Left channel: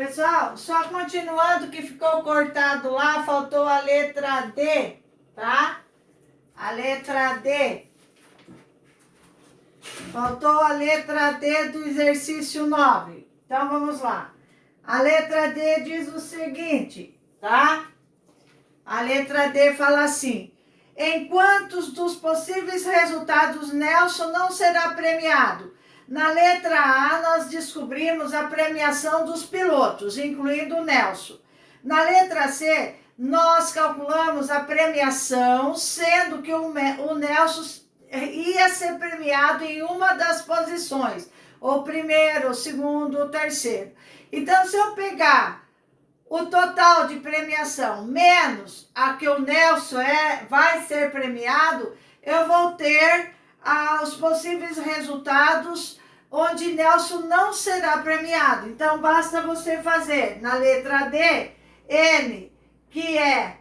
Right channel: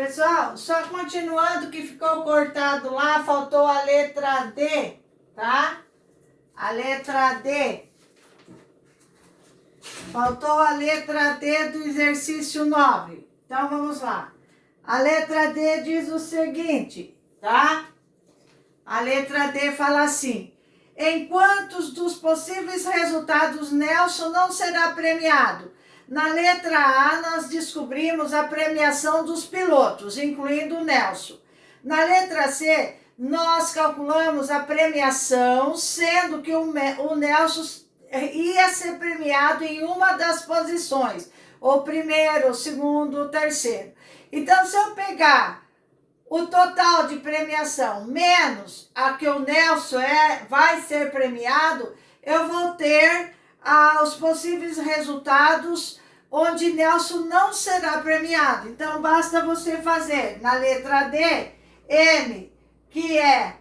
Pessoal, só continuando que ficou cortado lá, faltou a letra D, tá? A letra D. Faltou a letra D do exercício 9. Então, vamos lá. A letra D diz o seguinte, tá? A letra D fala assim: em quantos dos possíveis resultados Nelson não será premiado? Na letra A, nós descobrimos a premiação dos pilotos, incluindo o Nelson. Na letra C, nós calculamos a premiação, sendo que o Nelson ia ser premiado em uma das posições, o primeiro, o segundo, o terceiro. Então, se eu pegar o total de premiação menos a que o Nelson vai ser premiado, eu vou ter os possíveis resultados onde Nelson não será premiado. Então, basta você fazer na letra D, N, que é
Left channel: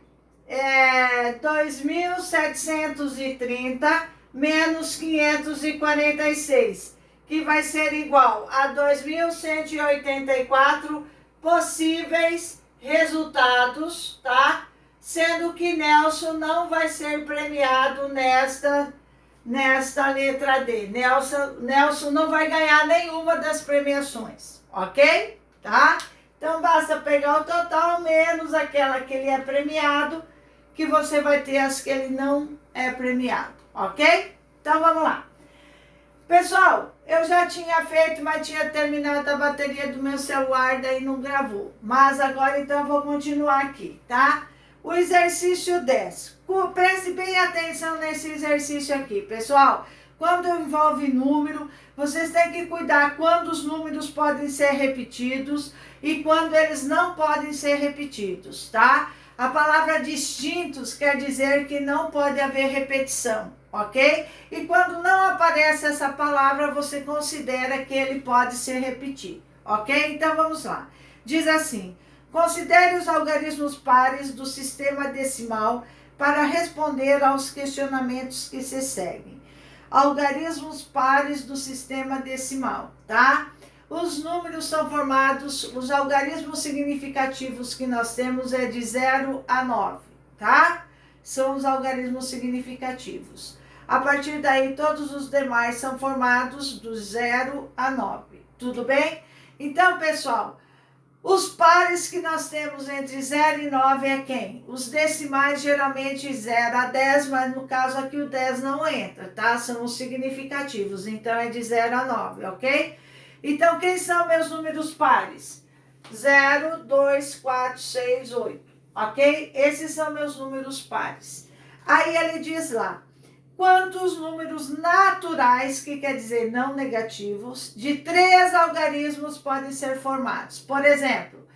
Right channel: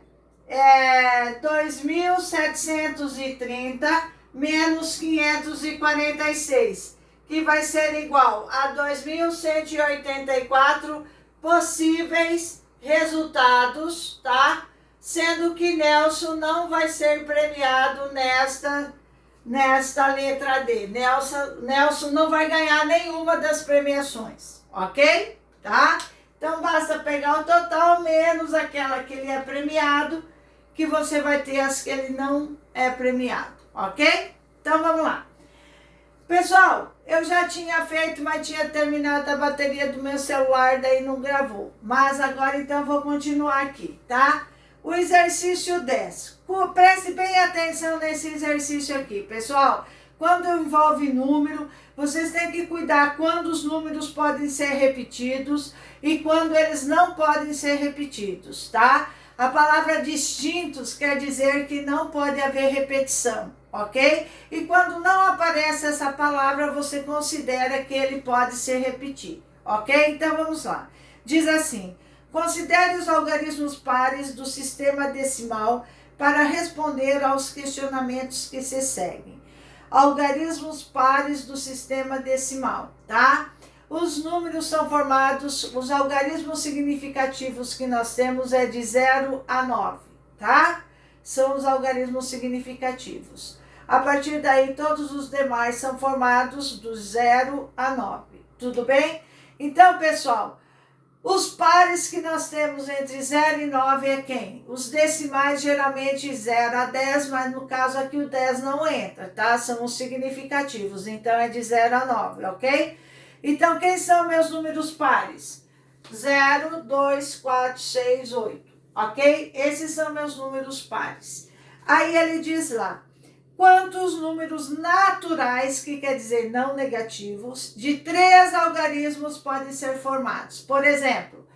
2.730 menos 546, que vai ser igual a 2.184 possíveis resultados, tá? Sendo que Nelson não vai ser premiado nesta letra D. Nelson não vai ganhar nenhuma das premiações, ok? Tá? Então, basta pegar o total menos aquela que ele é premiado, que você vai ter as que ele não é premiado, ok? Então, vamos lá. Pessoal, eu já tinha feito, mas tinha terminado a bateria do meu celular, daí não gravou. Mas agora, então, eu vou continuar aqui, tá? O exercício 10. Preste bem atenção nesse exercício aqui, pessoal. Quando envolve número, vocês têm que cuidar quando os números podem ser repetidos e quando eles não podem ser repetidos, tá? A palavra distintos quer dizer que não pode haver repetição, ok? E quando não aparece essa palavra, você considera que ele pode ser repetido, ok? Então, vamos lá. Diz assim: considere os algarismos pares do sistema decimal para responder aos questionamentos que se seguem. Algarismos pares do sistema decimal, tá? Os números são formados, os algarismos significativos que nós temos é de 0 a 9, tá? São os algarismos significativos. A partir daí, todos os demais são formados do 0 a 9, tudo bem? Então, pessoal, os pares que nós temos entre 0 e 9 é quem? Os decimais, geralmente 0 a 10, mas no caso aqui o 10 não entra, tá? São os significativos, então é de 0 a 9, ok? Então, quem são meus números pares? 0, 2, 4, 6, 8, ok? Esses são meus números pares. Aí ele diz lá: quantos números naturais, que quer dizer não negativos, de 3 algarismos podem ser formados? Por exemplo,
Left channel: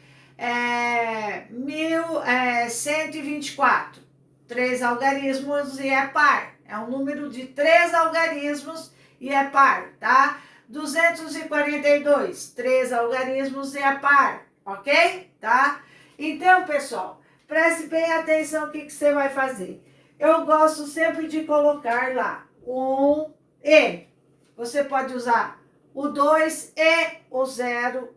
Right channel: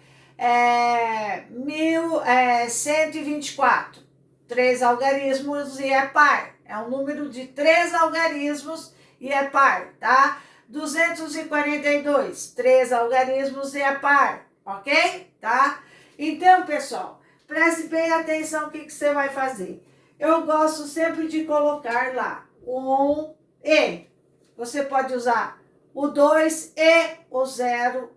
124, 3 algarismos e é par. É um número de 3 algarismos e é par, tá? 242, 3 algarismos e é par, ok? Tá? Então, pessoal, preste bem atenção o que você vai fazer. Eu gosto sempre de colocar lá um E. Você pode usar o 2 e o 0,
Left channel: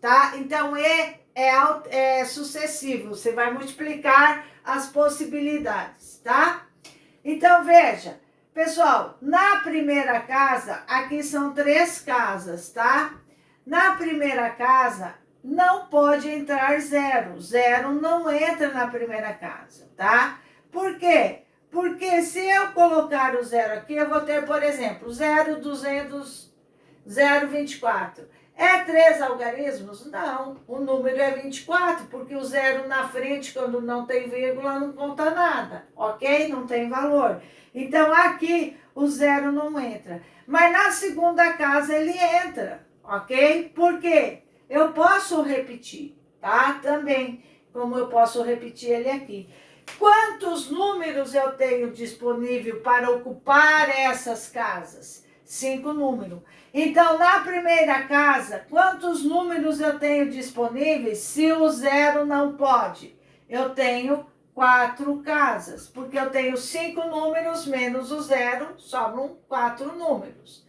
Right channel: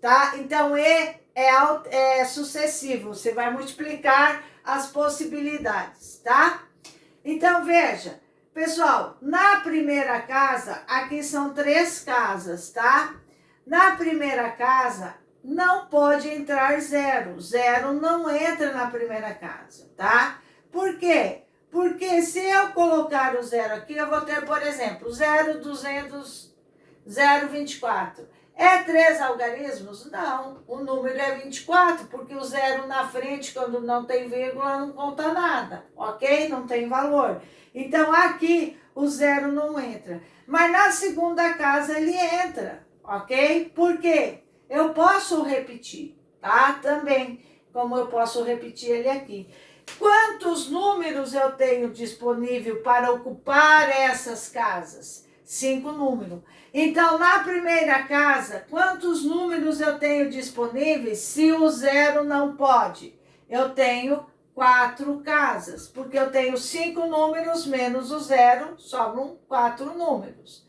tá? Então, E é sucessivo. Você vai multiplicar as possibilidades, tá? Então, veja, pessoal, na primeira casa, aqui são 3 casas, tá? Na primeira casa, não pode entrar 0. 0 não entra na primeira casa, tá? Por quê? Porque se eu colocar o 0 aqui, eu vou ter, por exemplo, 0,200, 0,24. É 3 algarismos? Não, o número é 24, porque o 0 na frente, quando não tem vírgula, não conta nada, ok? Não tem valor. Então, aqui, o 0 não entra. Mas na segunda casa, ele entra, ok? Por quê? Eu posso repetir, tá? Também, como eu posso repetir ele aqui. Quantos números eu tenho disponível para ocupar essas casas? 5 números. Então, na primeira casa, quantos números eu tenho disponíveis se o 0 não pode? Eu tenho 4 casas, porque eu tenho 5 números menos o 0, sobram 4 números.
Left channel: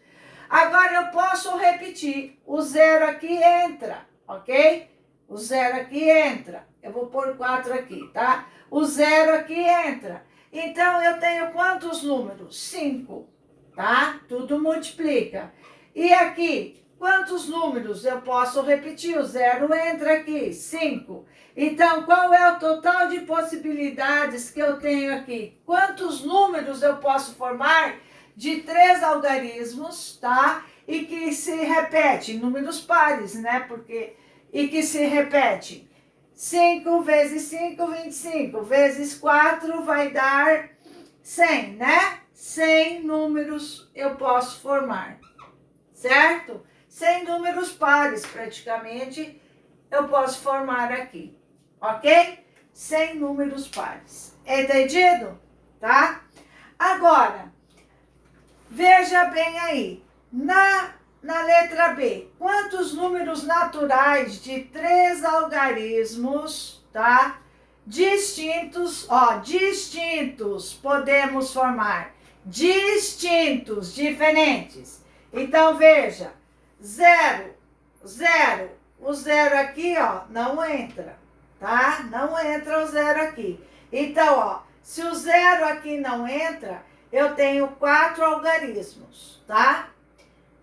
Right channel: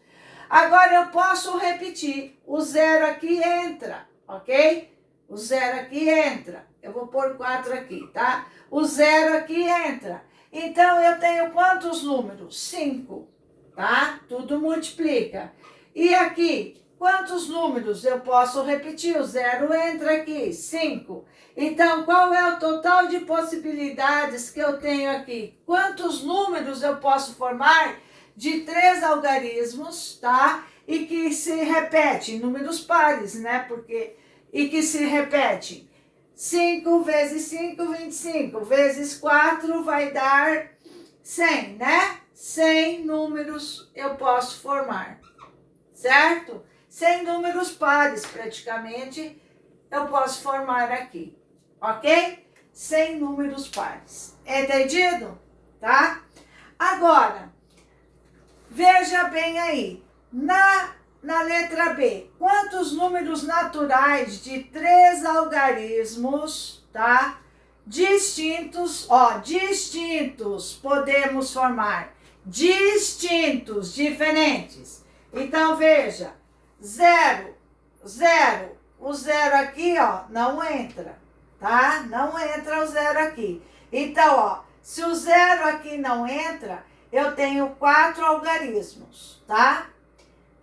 Agora, eu posso repetir. O 0 aqui entra, ok? O 0 aqui entra. Eu vou pôr 4 aqui, tá? O 0 aqui entra. Então, eu tenho quantos números? 5, tá? Tudo multiplica. E aqui, quantos números eu posso repetir? O 0 entra aqui, 5. Então, qual é o total de possibilidades que eu tenho aqui? Quantos números eu posso formar de 3 algarismos, tá? E que se repetem, números pares, né? E que se repetem. 5 vezes 5, 25. Vezes 4 vai dar 100, né? 100 números eu posso formar, certo? 100 números pares, praticamente, eu posso formar aqui, ok? 100 números pares. Entendido? Tá? Agora, veja bem aí. Na letra B, quantos números naturais de 3 algarismos, tá? Distintos podemos formar. Distintos, diferentes. Então, veja, 0, 0. O 0 aqui, ó, não entra, tá? Não entra o 0 aqui. Então, ó, se o 0 aqui não entra, eu tenho 4 algarismos, tá?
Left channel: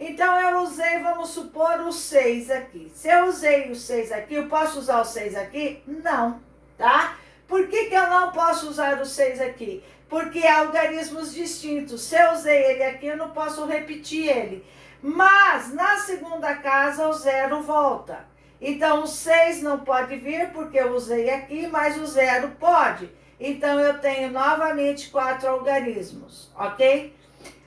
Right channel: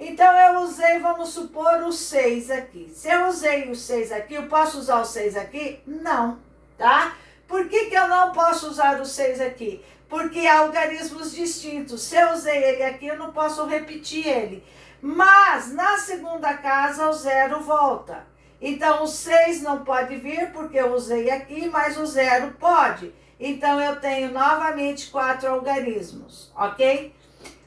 Então, eu usei, vamos supor, o 6 aqui. Se eu usei o 6 aqui, eu posso usar o 6 aqui? Não, tá? Por que eu não posso usar o 6 aqui? Porque é algarismos distintos. Se eu usei ele aqui, eu não posso repetir ele. Mas, na segunda casa, o 0 volta. Então, o 6 não pode vir, porque eu usei aqui, mas o 0 pode. Então, eu tenho novamente 4 algarismos, ok?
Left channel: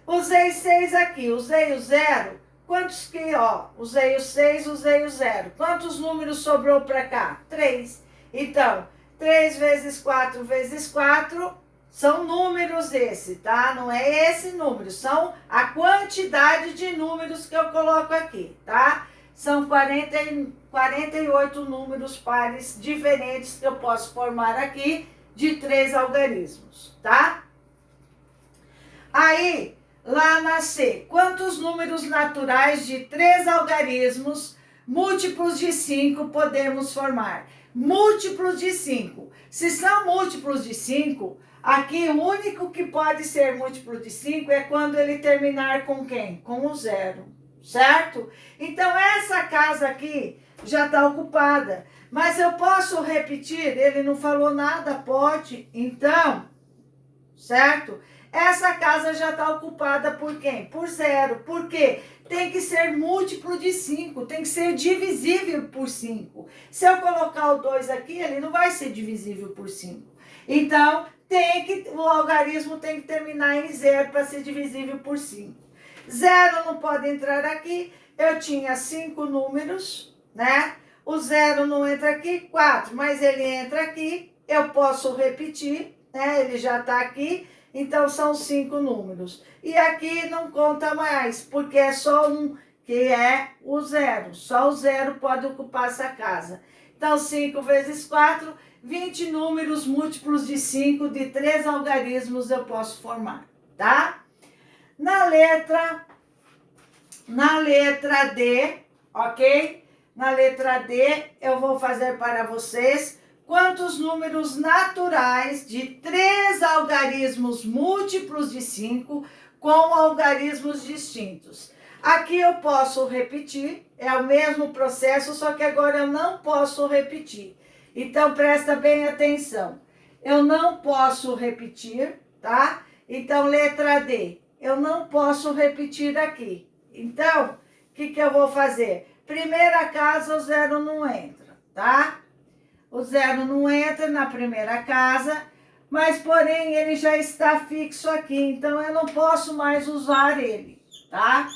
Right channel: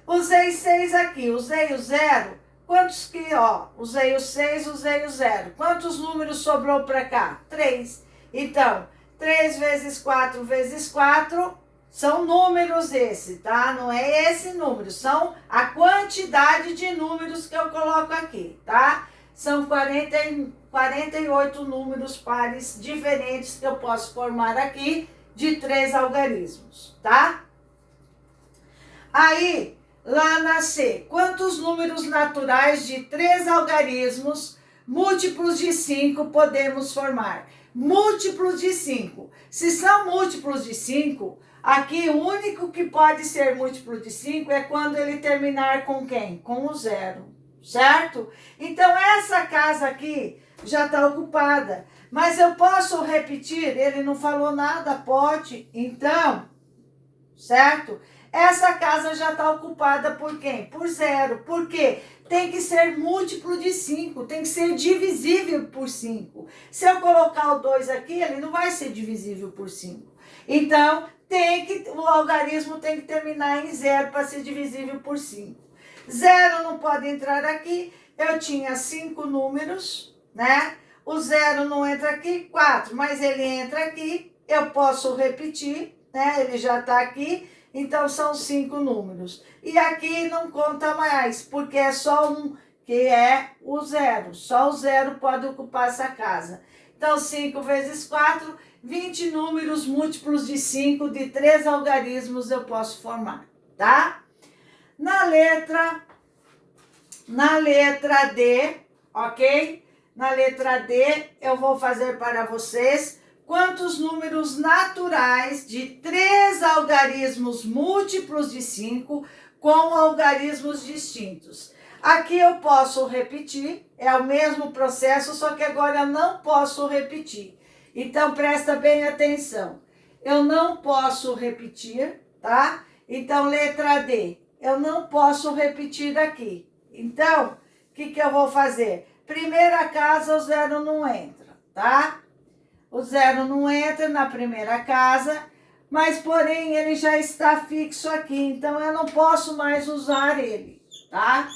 Usei 6 aqui, usei o 0. Quantos que, ó, usei o 6, usei o 0. Quantos números sobrou para cá? 3. Então, 3 vezes 4 vezes 4 são números esse, tá? Não é esse número, são a quantidade de números que eu coloco aqui, tá? São 48 números pares diferentes que eu posso formar aqui de 3 algarismos, tá? Aí, lá na C, quantos números naturais de 3 algarismos múltiplos de 5 podemos formar? Múltiplos de 5. Se são múltiplos de 5, aqui o único que pode ser múltiplo de 5 é quando ele terminar com quem? Com o 0, certo? Então, essa casa aqui já está ocupada. Mas eu posso repetir? Ele não falou nada, pode. Então, certo? Essa casa já está ocupada por quem? Por 0. Por quê? Tem que ser múltiplo de 5, tem que ser divisível por 5. Se eu colocar o 2 aqui, ele não vai ser divisível por 5. Então, o algarismo tem que terminar em 0 para ser divisível por 5. 0 não pode entrar aqui, eu tinha 5 números, né? O 0 não entra aqui, 4, mas ele entra aqui, eu posso repetir, né? Ele já está aqui. Então, são 5 números. E aqui não conta mais, porque é só um, que é o 0. Só o 0 pode ocupar essa casa. Então, 5 vezes 4, 20 números múltiplos de 5, de 3 algarismos eu posso formar, tá? Na letra D, ok? Na letra D, eu vou fazer para vocês quantos números naturais de 3 algarismos múltiplos de 5 com algarismos distintos. Aqui eu posso repetir, é o mesmo processo, só que agora eu não posso repetir. Então, presta bem atenção. Eu não posso repetir, tá? Então, letra D, eu não posso repetir aqui. Então, o que eu vou fazer? Primeira casa, o 0 não entra, tá? O 0 não entra na primeira casa, mas porém ele já está fixo aqui, então eu não posso mais usar ele, tá?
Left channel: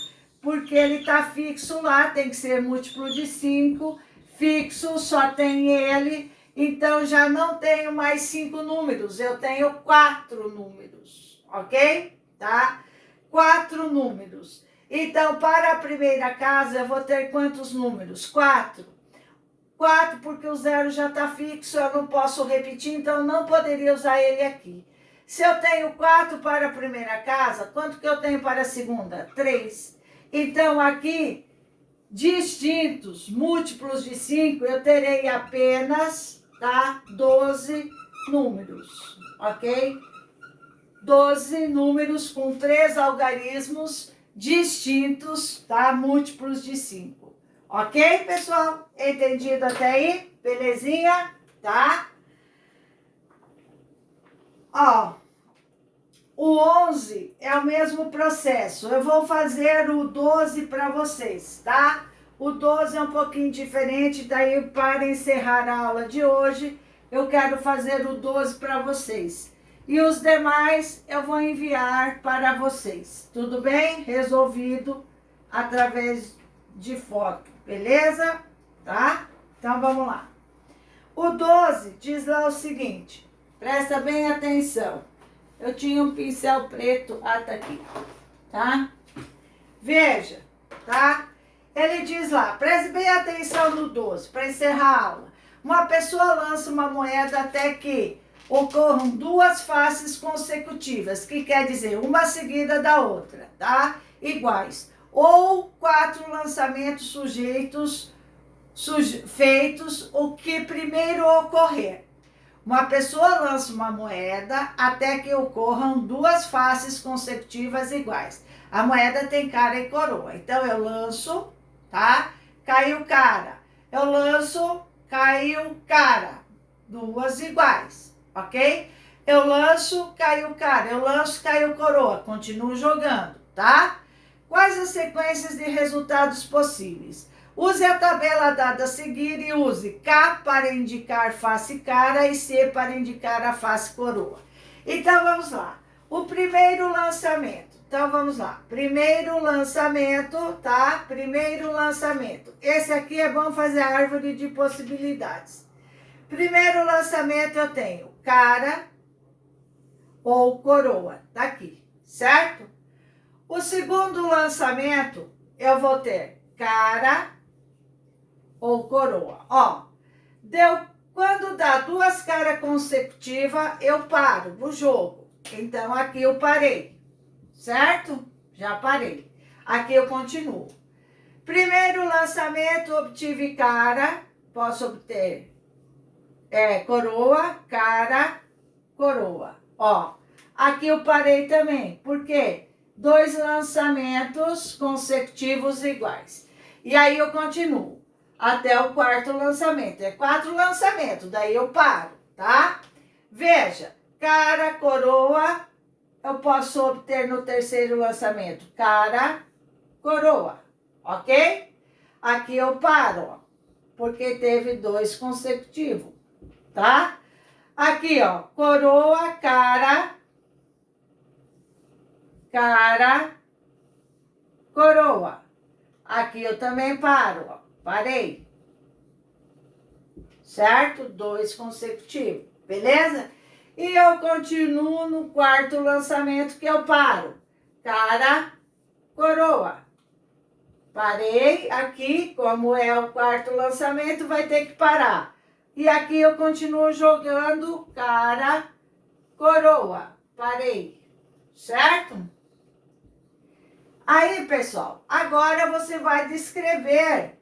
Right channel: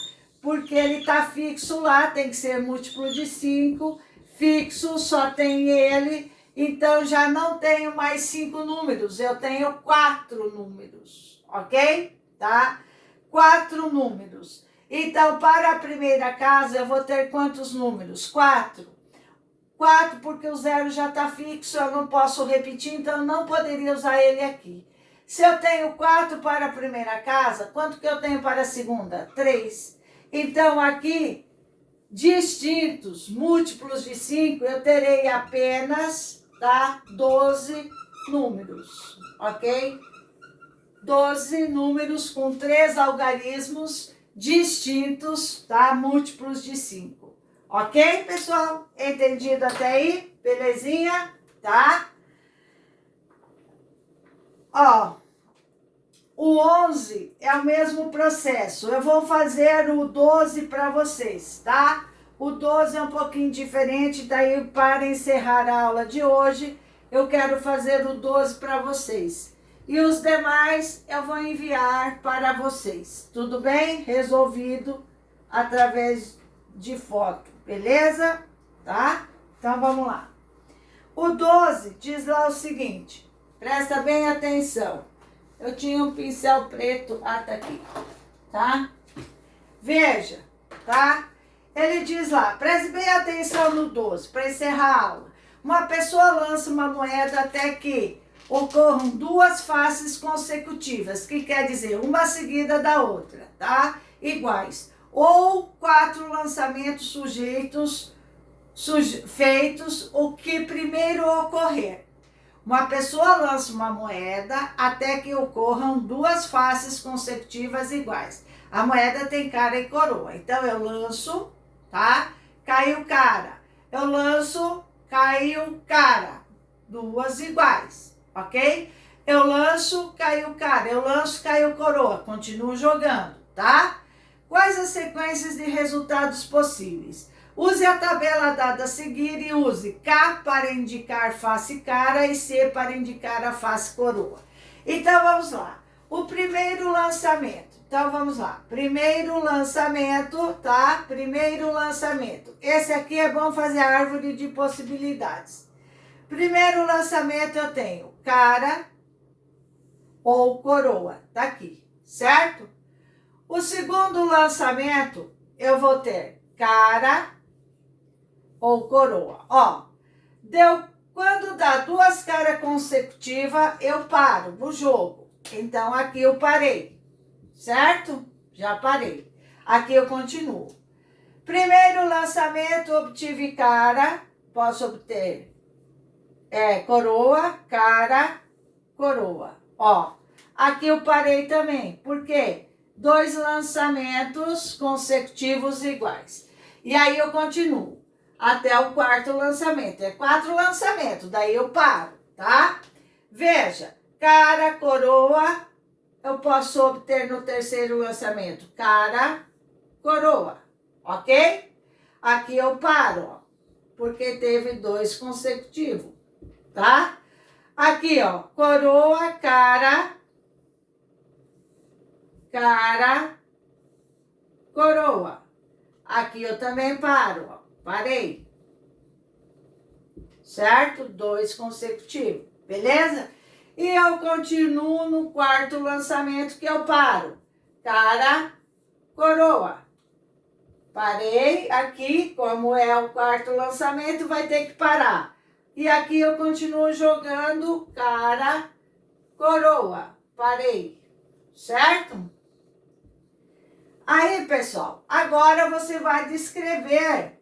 Porque ele está fixo lá, tem que ser múltiplo de 5, fixo, só tem ele, então já não tenho mais 5 números, eu tenho 4 números, ok? Tá? 4 números. Então, para a primeira casa, eu vou ter quantos números? 4. 4, porque o 0 já está fixo, eu não posso repetir, então eu não poderia usar ele aqui. Se eu tenho 4 para a primeira casa, quanto que eu tenho para a segunda? 3. Então, aqui, distintos, múltiplos de 5, eu terei apenas, tá, 12 números, ok? 12 números com 3 algarismos distintos, tá? Múltiplos de 5. Ok, pessoal? Entendido até aí? Belezinha? Tá? Ó, o 11 é o mesmo processo. Eu vou fazer o 12 para vocês, tá? O 12 é um pouquinho diferente, daí para encerrar a aula de hoje, eu quero fazer o 12 para vocês. E os demais eu vou enviar para vocês. Tudo bem? Resolvido através de foto, beleza? Tá? Então vamos lá. O 12 diz lá o seguinte, presta bem atenção. Eu tinha um pincel preto até aqui, tá? Veja, tá? Ele diz lá, preste bem atenção no 12, para encerrar a aula. Uma pessoa lança uma moeda até que ocorram 2 faces consecutivas, que quer dizer uma seguida da outra, tá? Iguais. Ou 4 lançamentos feitos, o que primeiro ocorrer. Uma pessoa lança uma moeda até que ocorram 2 faces consecutivas iguais. A moeda tem cara e coroa. Então, eu lanço, tá? Caiu cara. Eu lanço, caiu cara. 2 iguais, ok? Eu lanço, caiu cara. Eu lanço, caiu coroa. Continuo jogando, tá? Quais as sequências de resultados possíveis? Use a tabela dada a seguir e use K para indicar face cara e C para indicar a face coroa. Então, vamos lá. O primeiro lançamento. Então, vamos lá. Primeiro lançamento, tá? Primeiro lançamento. Esse aqui é bom fazer a árvore de possibilidades. Primeiro lançamento eu tenho cara ou coroa. Tá aqui, certo? O segundo lançamento eu vou ter cara ou coroa. Ó, quando dá 2 caras consecutivas, eu paro o jogo. Então, aqui eu parei, certo? Já parei. Aqui eu continuo. Primeiro lançamento, obtive cara, posso obter coroa, cara, coroa. Ó, aqui eu parei também. Por quê? 2 lançamentos consecutivos iguais. E aí eu continuo até o 4º lançamento. É 4 lançamentos, daí eu paro, tá? Veja, cara, coroa, eu posso obter no 3º lançamento. Cara, coroa, ok? Aqui eu paro, ó, porque teve 2 consecutivos, tá? Aqui, ó, coroa, cara, coroa. Aqui eu também paro, ó. Parei. Certo? 2 consecutivos. Beleza? E eu continuo no 4º lançamento que eu paro. Cara, coroa. Parei aqui, como é o 4º lançamento, vai ter que parar. E aqui eu continuo jogando cara, coroa. Parei. Certo? Aí, pessoal, agora você vai descrever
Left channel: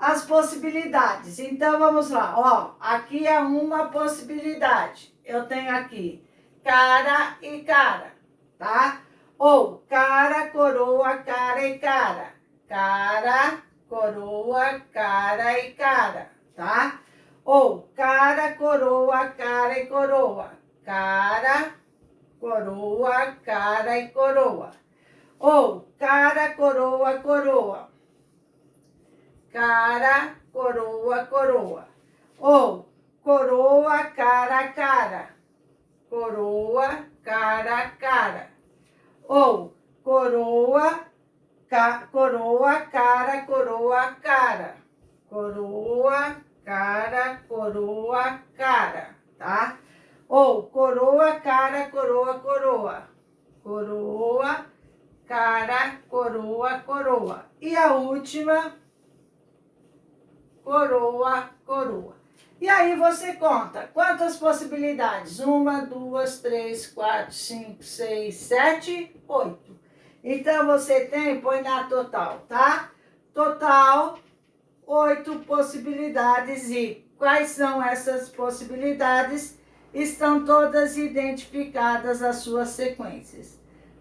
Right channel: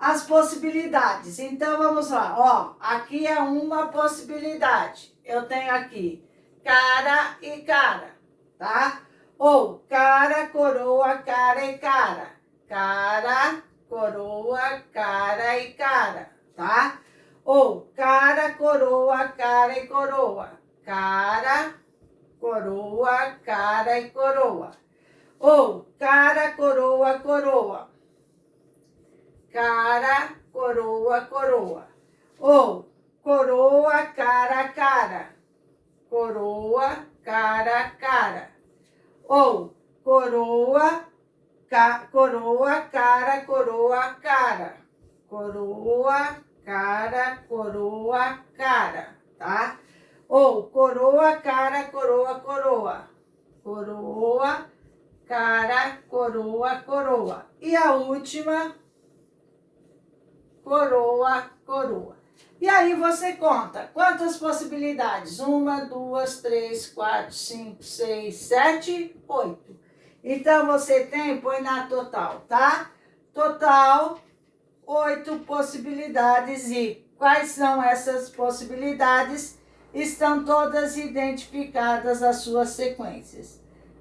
as possibilidades. Então, vamos lá. Ó, aqui é uma possibilidade. Eu tenho aqui cara e cara, tá? Ou cara, coroa, cara e cara. Cara, coroa, cara e cara, tá? Ou cara, coroa, cara e coroa. Cara, coroa, cara e coroa. Ou cara, coroa, coroa. Cara, coroa, coroa. Ou coroa, cara, cara. Coroa, cara, cara. Ou coroa, coroa, cara, coroa, cara. Coroa, cara, coroa, cara, tá? Ou coroa, cara, coroa, coroa. Coroa, cara, coroa, coroa. E a última, coroa, coroa. E aí você conta quantas possibilidades? 1, 2, 3, 4, 5, 6, 7, 8. Então você tem, põe na total, tá? total 8 possibilidades. E quais são essas possibilidades? Estão todas identificadas as suas sequências.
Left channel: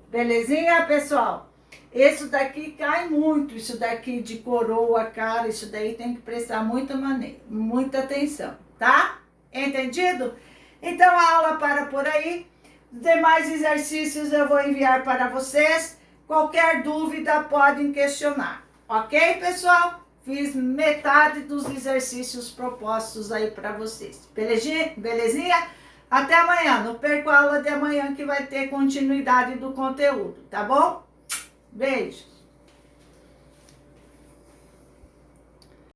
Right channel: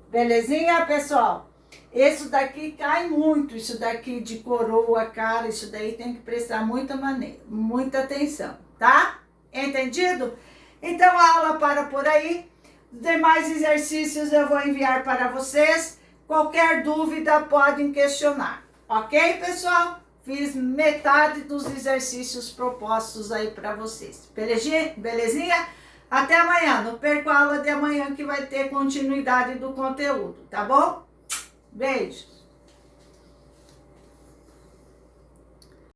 Belezinha, pessoal? Isso daqui cai muito, isso daqui de coroa, cara, isso daí tem que prestar muita atenção, tá? Entendido? Então a aula para por aí. Os demais exercícios eu vou enviar para vocês. Qualquer dúvida podem questionar, ok, pessoal? Fiz metade dos exercícios propostos aí para vocês. Belezinha? Até amanhã. Não perca a aula de amanhã que vai ter continuidade do conteúdo, tá bom? Beijo.